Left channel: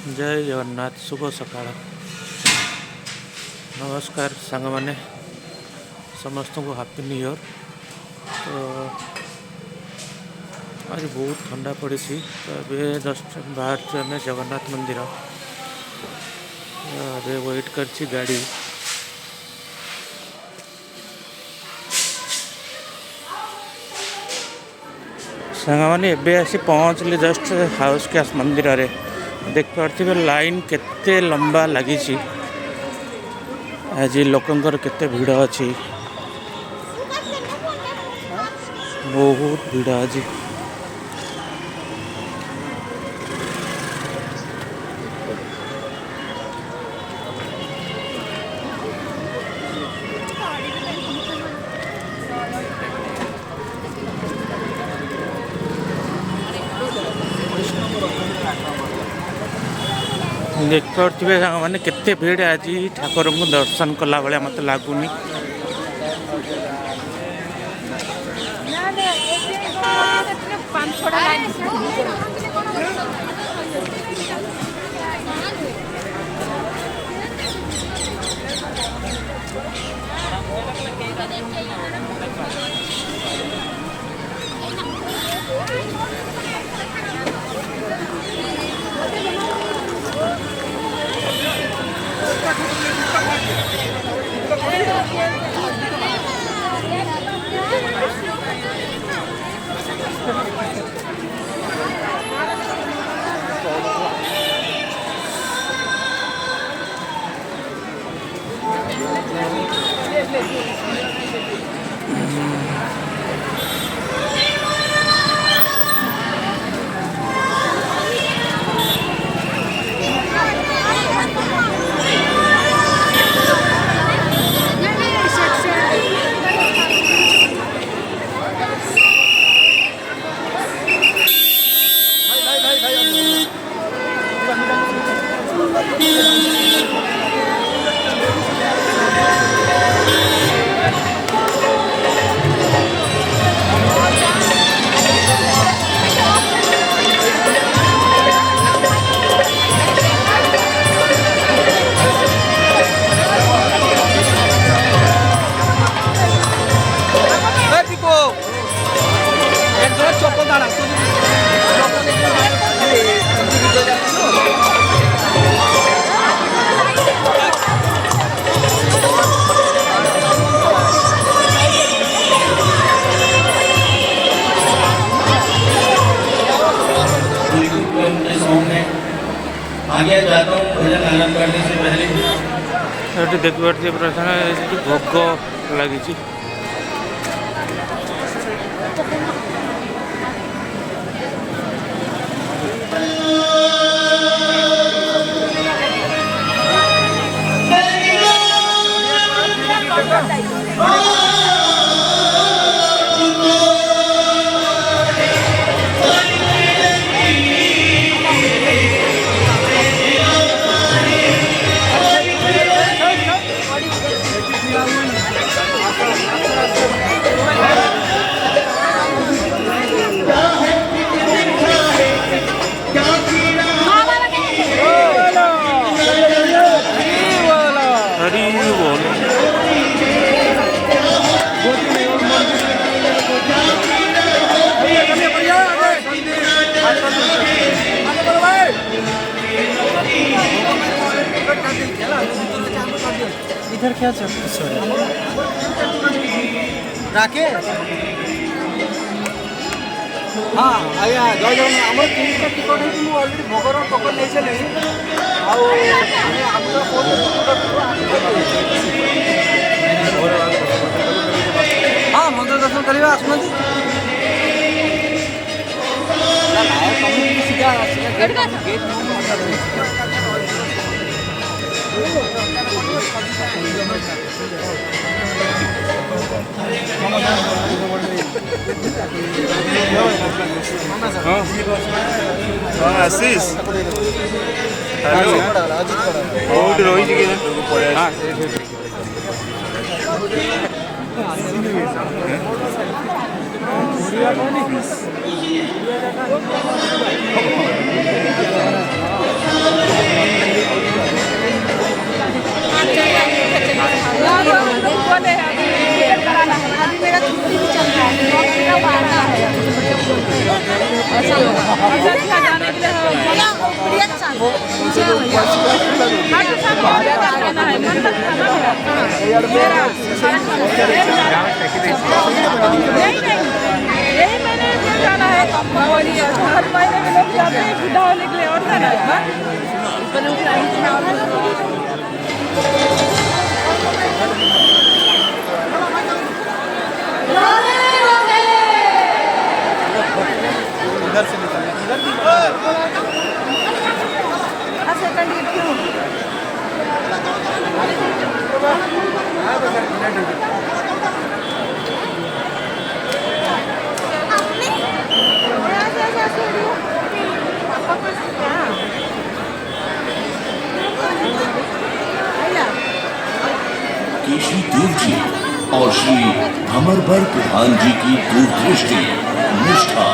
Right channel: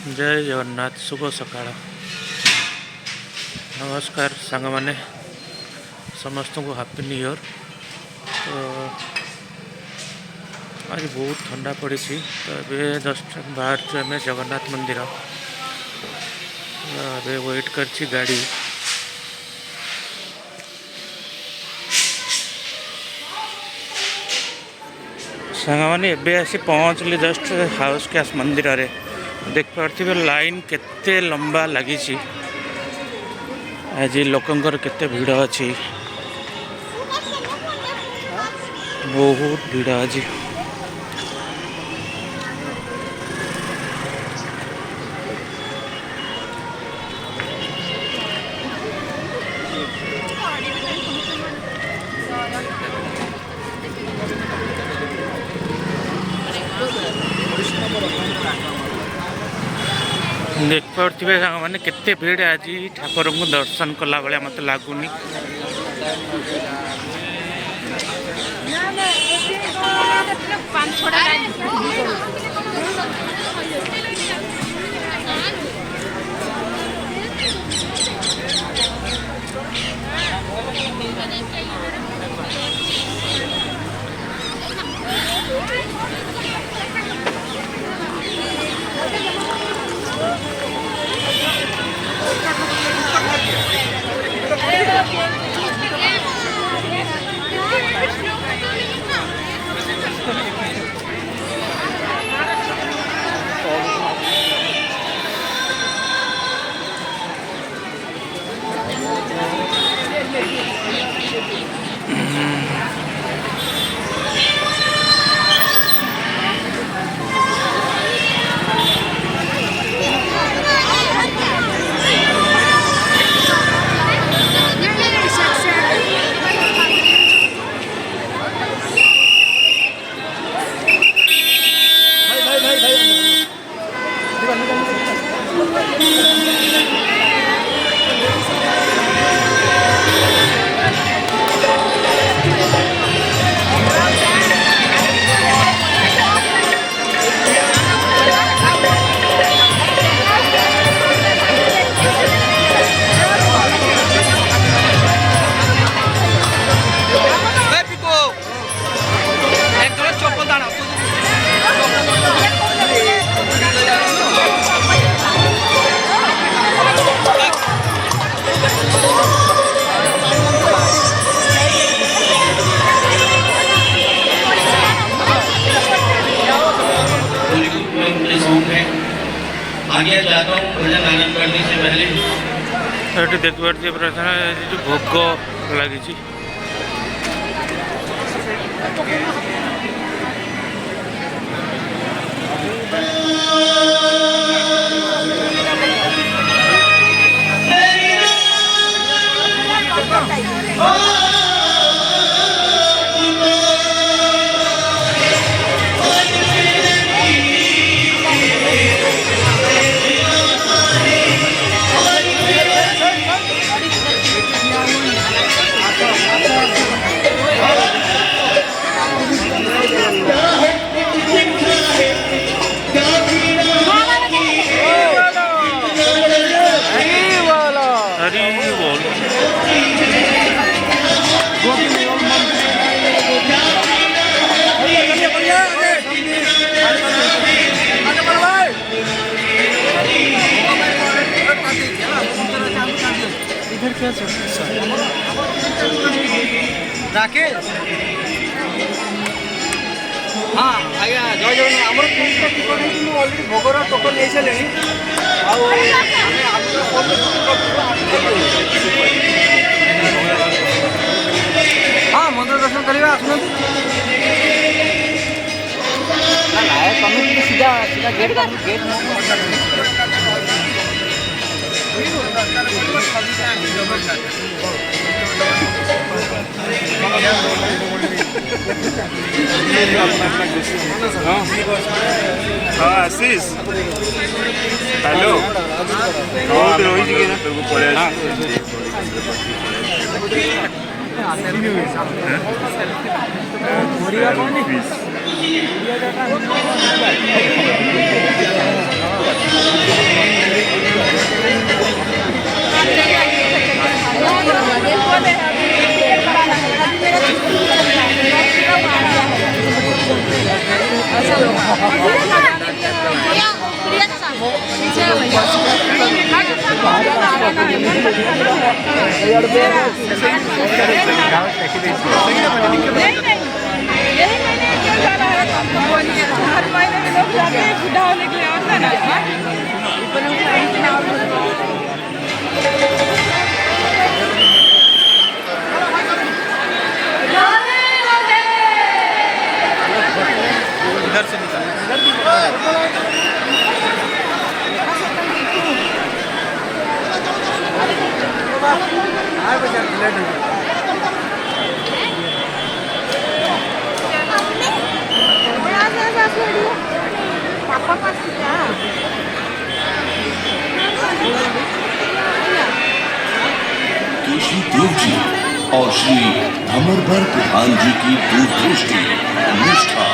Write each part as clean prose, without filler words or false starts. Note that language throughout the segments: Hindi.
जय जगन्नाथ शुभ सकाळ नमस्कार सांग माने समस्त को हैप्पी न्यू ईयर। तो आज बहुत ठंडा पड़ी तो ये जस्ट बाहर आम जगन्नाथ मंदिर वेट कर गाड़ी सांग मैंने एबे आसी पहुँचली जस्ट हाउस कैश मंदिर रे देख पार्थिवे लाइन केते लंबा लगी आज लोकंकर केते भीड़ अच्छी बहुत भीड़ आज देख पारे मैंने केते भीड़ आज ठाकुर को दर्शन कला भाया मत लगुनि देख पारे प्रथम भोग लगी इधर क्या राकेश हाँ आज्ञा जय जगन्नाथ आम तीन टिकट होती अलरेडी भोगर टोकन नहीं सारे हाँ मंदिर दर्शन करवा आसना सीधा गेट हाँ आशीष हेलो बहुत रही हाँ सेल्फी जाना है हर महीने में लोग जाते हैं बुढ़ा होने के लिए और जाना इधर से निकलना इधर भी केशरी देव जी और श्री अमरबर प्रधान जी की दूरदृष्टि, निष्ठा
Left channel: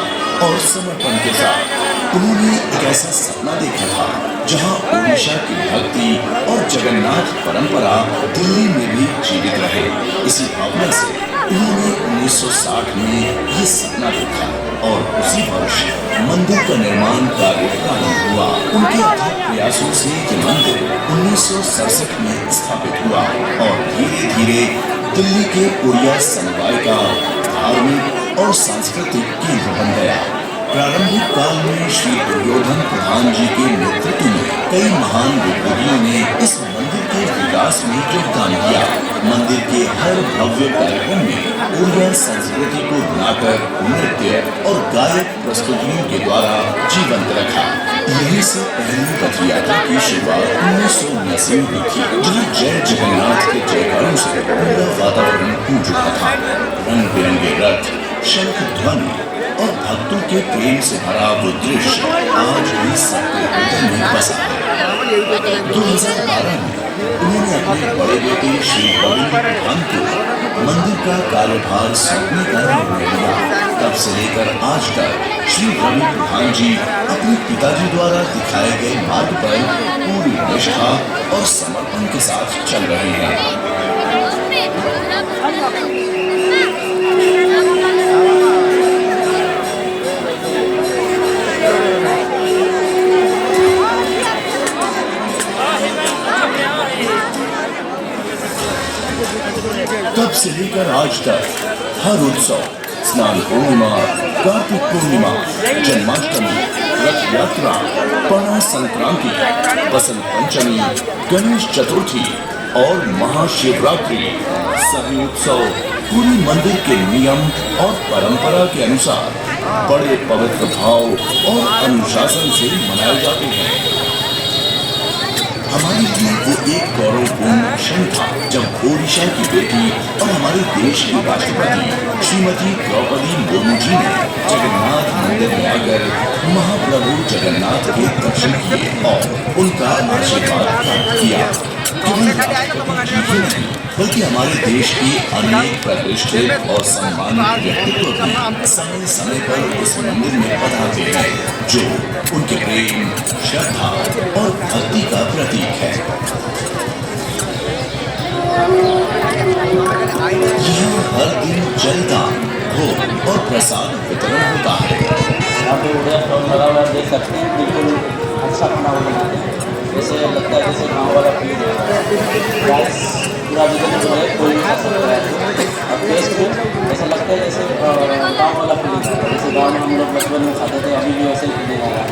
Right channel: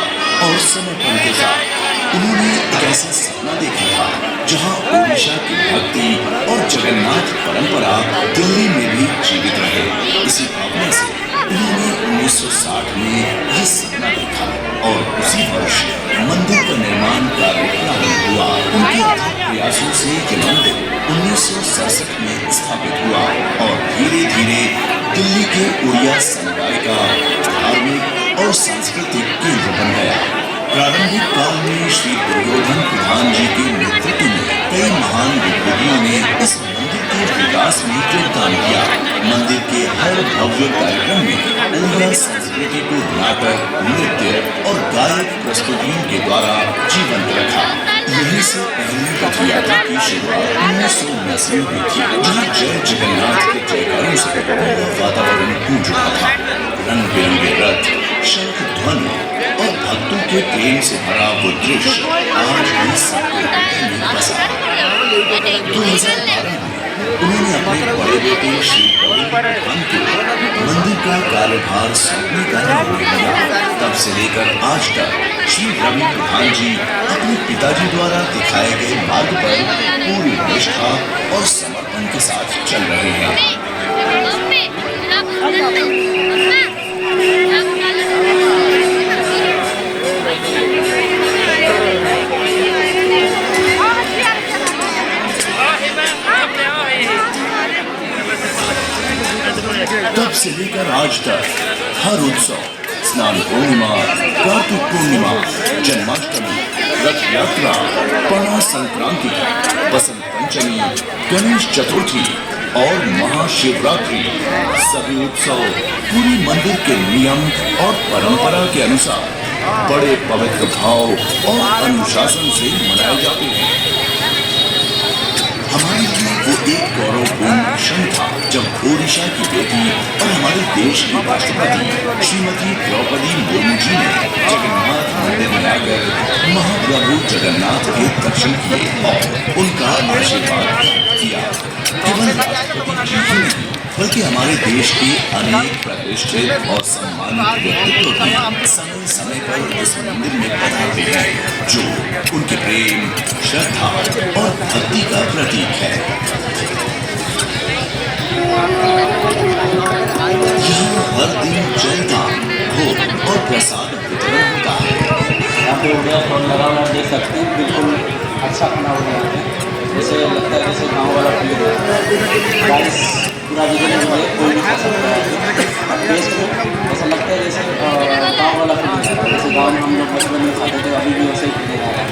और समर्पण के साथ उन्होंने एक ऐसा सपना देखा था जहां ओडिशा की भक्ति और जगन्नाथ परंपरा दिल्ली में भी जीवित रहे। इसी भावना से उन्होंने 1960 में ये सपना देखा और उसी वर्ष मंदिर का निर्माण कार्य प्रारंभ हुआ। उनके अथक प्रयासों से ये मंदिर 1967 में स्थापित हुआ और धीरे धीरे दिल्ली के उड़िया समुदाय का धार्मिक और सांस्कृतिक केंद्र बन गया। प्रारंभिक काल में श्री दुर्योधन प्रधान जी के नेतृत्व में कई महान विद्वानों ने इस मंदिर के विकास में योगदान दिया। मंदिर के हर भव्य कार्यक्रम में उड़िया संस्कृति को नाटक, नृत्य और गायक प्रस्तुतियों के द्वारा जीवंत रखा। यहीं से पहली रथ यात्रा की शुरुआत 1979 में हुई थी, जहाँ जय जगन्नाथ के जयकारों से पूरा वातावरण गूंज रहा था। रंग बिरंगे रथ, शंख ध्वनि और भक्तों के प्रेम से भरा वो दृश्य आज भी सबके हृदय में बसा है। 2012 में उन्होंने अपने बड़े बेटे श्री रविंद्र प्रधान को मंदिर का कार्यभार सौंपने का निर्णय लिया। तब से लेकर आज तक श्री रवि प्रधान जी अपने पिताजी द्वारा दिखाए गए मार्ग पर पूरी निष्ठा और समर्पण के साथ चल रहे हैं। तब से लेकर आज तक हर उत्सव, स्नान पूर्णिमा, कार्तिक पूर्णिमा, जन्माष्टमी, रथ यात्रा, पौष संक्रांति, बसंत पंचमी, गणेश चतुर्थी और महाशिवरात्रि सभी उत्सव पूरी मंदिर के नियम और परंपरा के अनुसार बड़े पवित्र भाव और अनुशासन से मनाए जाते हैं। हमारे लिए वो एक गौरवपूर्ण क्षण था जब ओडिशा की बेटी और हमारे देश की राष्ट्रपति श्रीमती द्रौपदी मुर्मू जी ने जगन्नाथ मंदिर में आकर महाप्रभु जगन्नाथ के दर्शन किए और उनका आशीर्वाद प्राप्त किया। केवल राष्ट्रपति जी ही नहीं बल्कि हमारे देश के अनेक प्रतिष्ठित और सम्मानित व्यक्तित्व भी समय समय पर इस मंदिर में पधारते हैं, जो उनके प्रेम, श्रद्धा और भक्ति का प्रतीक है। यहाँ हर दिन जलदान, भोग और प्रसाद वितरण होता है। आप लोग देख सकते हैं, बिल्कुल अच्छा बना हुआ है। जैसे लगता है जैसे गाँव वाला फील राइस पूरा जगह जो है कोई भी खा सकता है। और टेस्ट भी ऐसा लगता है जैसे गाँव वाला फील, जैसे गाँव में हम लोग बचपन में खाते थे, अभी भी वैसे ही पीने लगा है।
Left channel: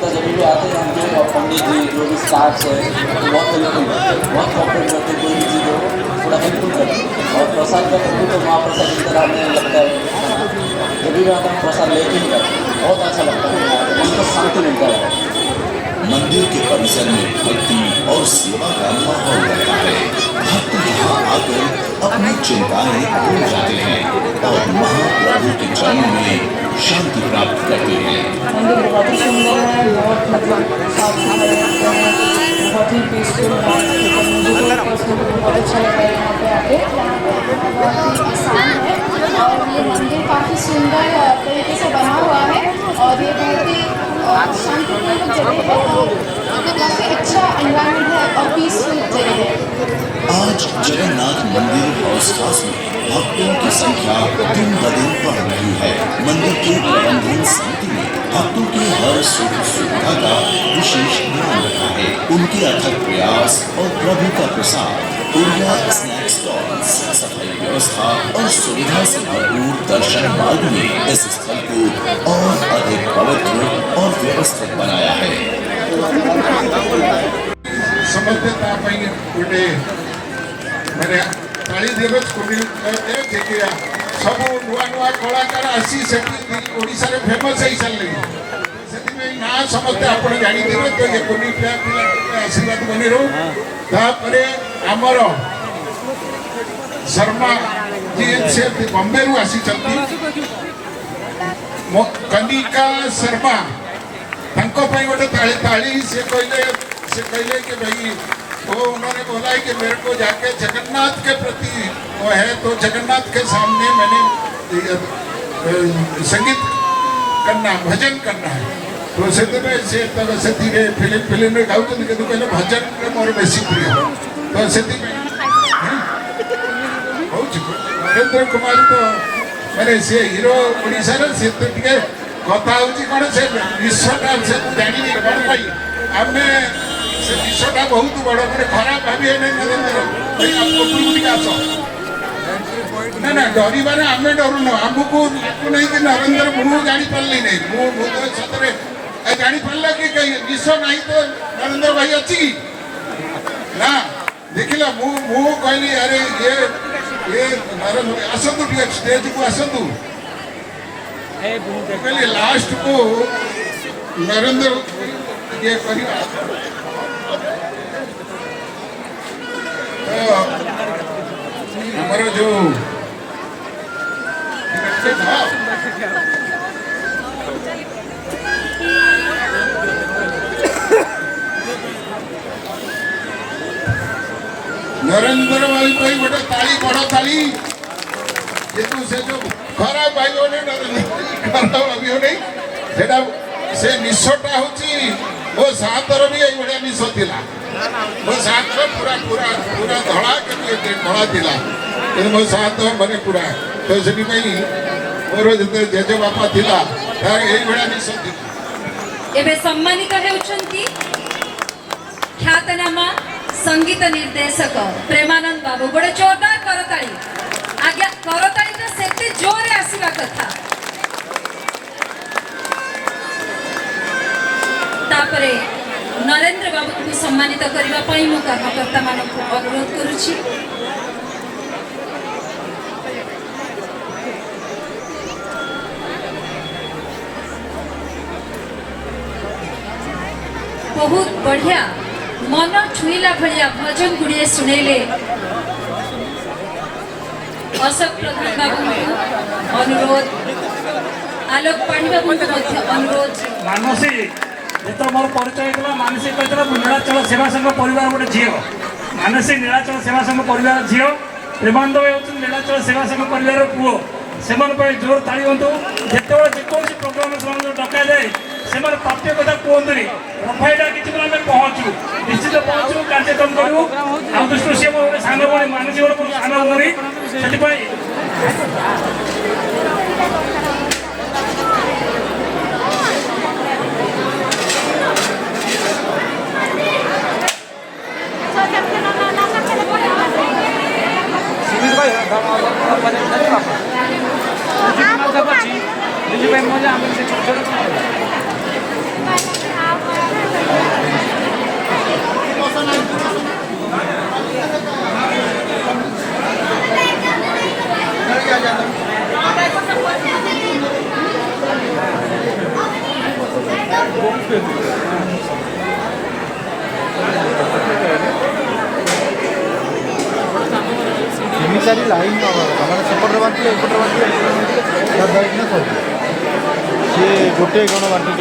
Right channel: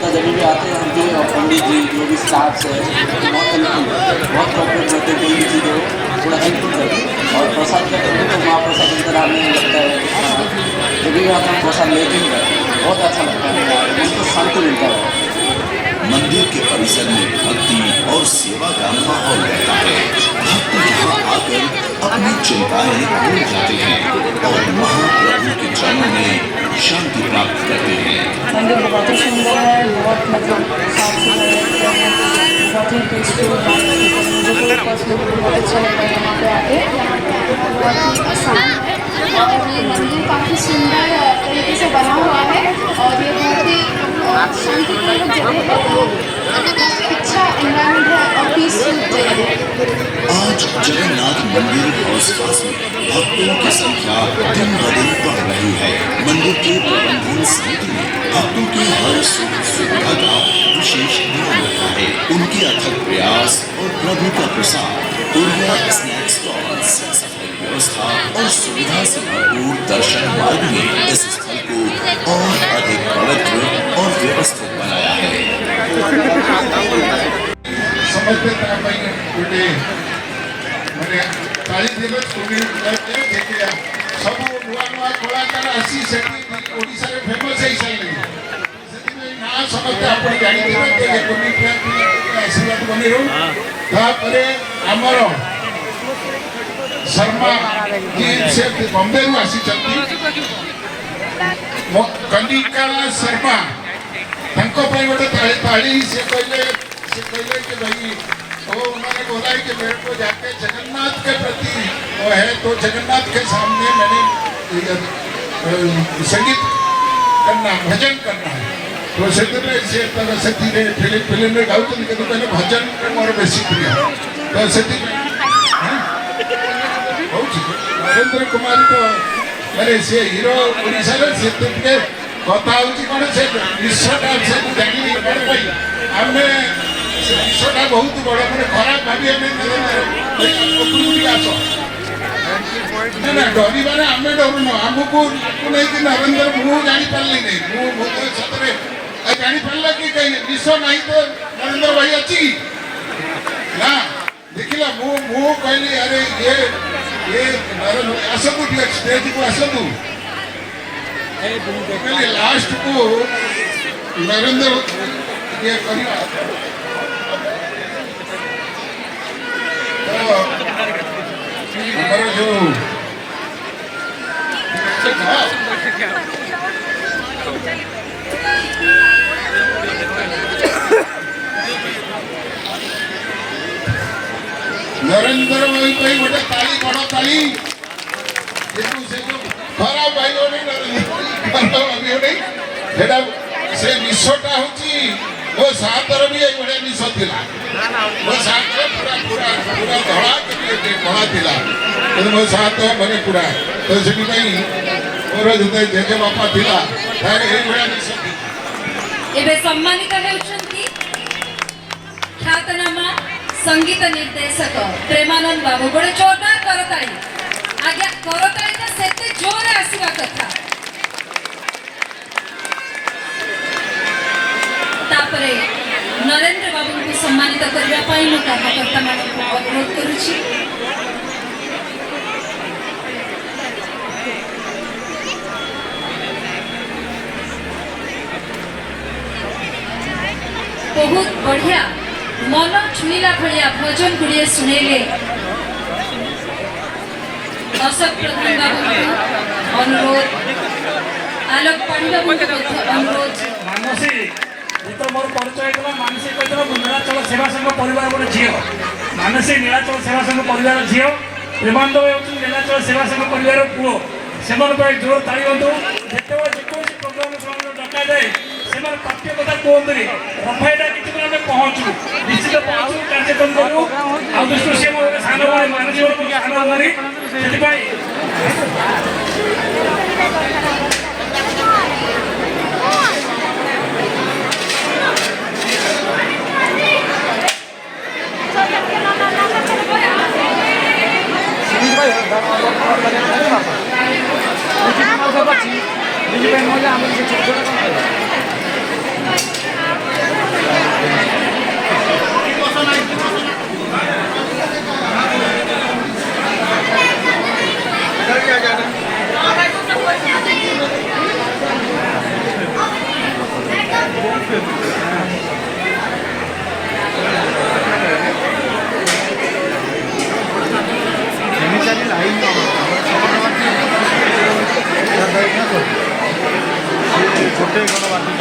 तो जब भी आते हैं हम भी और पंडित जी जो भी स्टाफ्स है तो बहुत हेल्पफुल बहुत कॉपरेट करते हैं, कोई भी चीज़ हो थोड़ा हेल्पफुल करते। और प्रसाद का करते तो महाप्रसाद की तरह हमें लगता है जब भी हम प्रसाद लेते ही करते बहुत अच्छा लगता है, उसको शांति मिलता है। मंदिर के परिसर में भक्ति और सेवा का माहौल रहता है। भक्त यहाँ आकर अपनी चिंताएं भूल जाते हैं और महाप्रभु के चरणों में शांति प्राप्त करते हैं। मंदिर बहुत ही सुंदर है, बहुत मतलब साफ सफाई है, बहुत ही पीसफुल है। मुझे पर्सनली बहुत अच्छा लग रहा है यहाँ पे आके। ये मंदिर काफ़ी सुंदर तरीके से बना हुआ है और ये बहुत ही शांतिपूर्ण जगह है, अच्छा एनवायरनमेंट है और पीसफुल जगह है। आज जगन्नाथ मंदिर और आस-पास में भक्तों की संख्या दिन ब दिन बढ़ रही रही है। मंदिर के प्रबंधन समिति ने भक्तों की हर सुख सुविधा का विशेष ध्यान रखा है। उनके अथक प्रयास और प्रभु का प्रसाद, बढ़िया स्नैक स्टॉल्स, सफाई व्यवस्था और सुविधा से भरपूर दर्शन मार्ग ने इस स्थल को और अधिक पवित्र और व्यवस्थित बनाया है। समझता गोटे मैंने ताली देवे सब नुआ नुआ कलाकार आसी ओडिशा रे फेमस हो सारे ना समझते आप जानते तो ये कोनी आशीर्वाद बनी रो तापर आमर शर्मा जी से बॉम्बे रु आसी कनिका शर्मा गोटे ताली से कहले कि भाई तो उन्होंने बोला कि मेरे को जाके जगन्नाथ के प्रति वो है तो जगन्नाथ के सामने मैंने संगीत करना भजन करना है तो से धीरे फिल्म में गाँव कहले भजन मोर बेसी प्रिय तो से नरेंद्र कुमार तो मैंने से हीरो ओडिशा से कथा हूँ कौन से विश्वटा से जानी कौन पाई आम विषयटा बहुत बड़ मैंने खराब भावी आस ना ना डर आम डरुन आमको नहीं कि नरेंद्र मुझे जापारि नहीं मुझे सतरे जापार कि कहीं विष ना तो नरेंद्र भाई अच्छी ना देखला मु कहली अरे ये नरेंद्र आसतु स्टेज को आसतु कहली लास्ट को नरेंद्र ये हमारा जो नरेंद्र भाई गोटे ताली बड़ ताली से जो खराब भाई खराब भाई नहीं से निशटा हूँ मो सातर भी ये निश था मो सातर पूरा पूरा पूरा धड़ा के कला था मो सात मैंने पूरा तो से मोर जो जेजे बापा थिला ये निश एबे सम्मानित हेउछंती ख्यातनामा संगीत निर्देशक प्रेमानंद बाबू गोटे जोरदार करताली आज्ञा करताली तो सेते जोरे आसीबा कथा तापरे नरेंद्र बाबू को सम्मानित करबा पई मु कर्मकर्ता मानन को अनुरोध करूची बहुत बढ़िया मन छुईला भलिया भजन गुड़िए सुनेले अशोक प्रधान बाबू अनुरोध आलोक पांडे बाबू अनुरोध मानसी तो मोर परिचय कला मानसी कहते नीलाचल सेवा संघ परिवार गोटे झील मानसी नीलाचल सेवा संघ परिवार झील प्रेमानंद भाई होती नीलाचल सेवा संघ परिवार पुओ से जोर ताली हूँ जिते जेकोसी प्रोग्राम से डक जाए से प्राप्य कथा कहते रफाईटा कि पहुँचू निश्चित पहुँचू कार्यक्रम करूँ आउ दृष्टि सी मोर सान भाई मानसी मोर सान भाई लाइन गोटे गण बांटुंट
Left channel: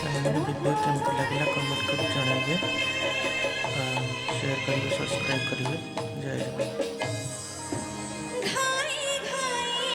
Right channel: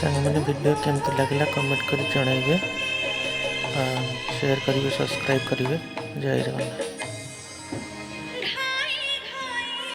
सामने वीडियो केमती लगला कमेंट कर जनइबे, शेयर करिए, सब्सक्राइब करिए। जय जगन्नाथ।